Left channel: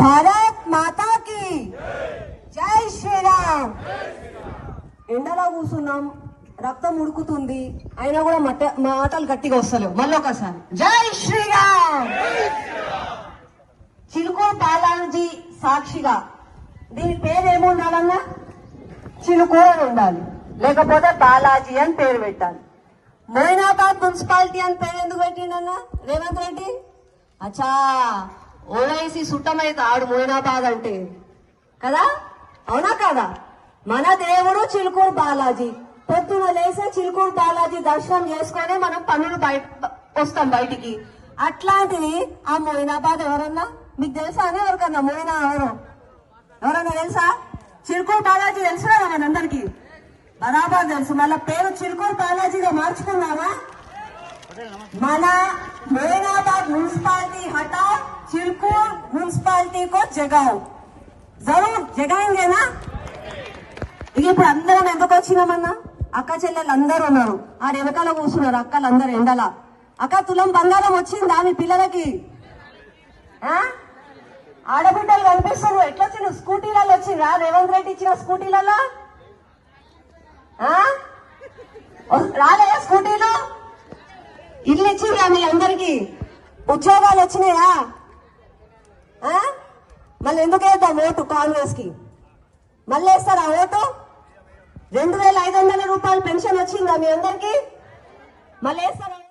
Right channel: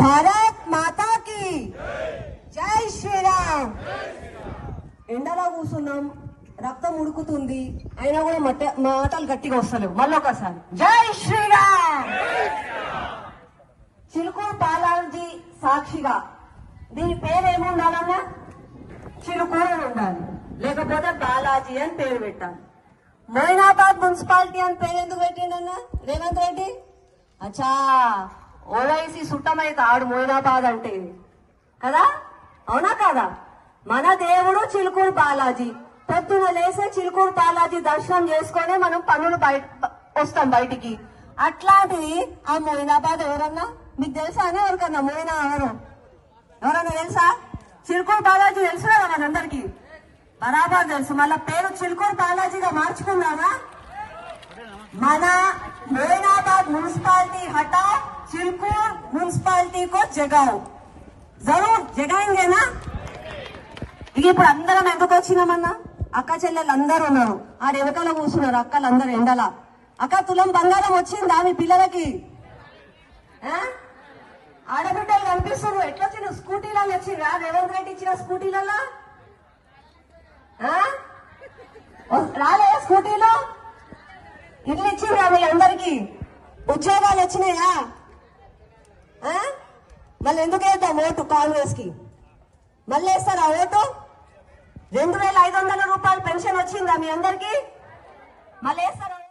భారత్ మాతా కి జై శ్రీరామ్. ఎండలో కూర్చున్నాం, రక్తం ఉడుకుతుంది, అయినా కూడా మాటలు గట్టిగా వస్తలేవు. మళ్ళీ ఒకసారి జై శ్రీరామ్. చిలుకూరు బాలాజీ సాక్షిగా దీని పేరు ఏముండాలన్నా చిలుకూరు అని ఉండాలి, లేకపోతే బాలాజీ అని పేరు పెట్టాలి. మొయినాబాద్ మున్సిపాలిటీ అని పేరు ఎందుకు పెట్టిండన్నా రేవంత్ రెడ్డి? అచ్చా, ఓవైసీ సుట్టమైతే ఆడు మొయినాబాద్ అంటే కదా, అవునా కాదా? మన దేవుడు చిలుకూరు బాలాజీ. పొద్దున లేసే చిలుకూరు బాలాజీ దర్శనం చేసుకొని మనం పన్నులు వస్తాం బయటికి. అట్లాంటిది ఆ మొయినాబాద్ ఎవరన్నా మీకు తెలుసా అని? ఎవరికన్నా మొయినా ఎవరన్నా తెలుసా? చిలుకూరు బాలాజీ తెలుసు కదా మనందరికి, బరాబర్ తెలుసు. మళ్ళా పేరు చిలుకూరు బాలాజీగా మార్చుకున్నారా? మన మొయినాబాద్ మున్సిపాలిటీ हटा चिलकूर మున్సిపాలిటీ को जगाओ, जरूर जगाएंगेना. ఇప్పుడు అందరం ఎందుకు వచ్చినామన్నా? అక్క చెల్లెలు అందరూ ఉన్నారు, ఆ వెనకాల కూర్చున్నారు అక్కలు అందరు ఎండల. అక్క తులం బంగారం వచ్చిందా మీ పిల్లలకి? ఆడబిడ్డలు కనిపిస్తున్నారు. ఎట్లా వచ్చిన స్కూటీలలో వచ్చిందా? రేవంత్ రెడ్డి ఇచ్చిన స్కూటీలలో రాలేదా? స్కూటీలు ఇల్లు ఇచ్చిందా మీ అందరికి? ఉద్యోగాలు వచ్చినాయా? మళ్ళీ ఎందుకు వేద్దాం ఓటు కాంగ్రెస్ కి? మళ్ళీ వేస్తారా ఓటు? 2500 రూపాయలు పెన్షన్ వచ్చిందా మీ అందరికి? మళ్ళీ వేస్తారా?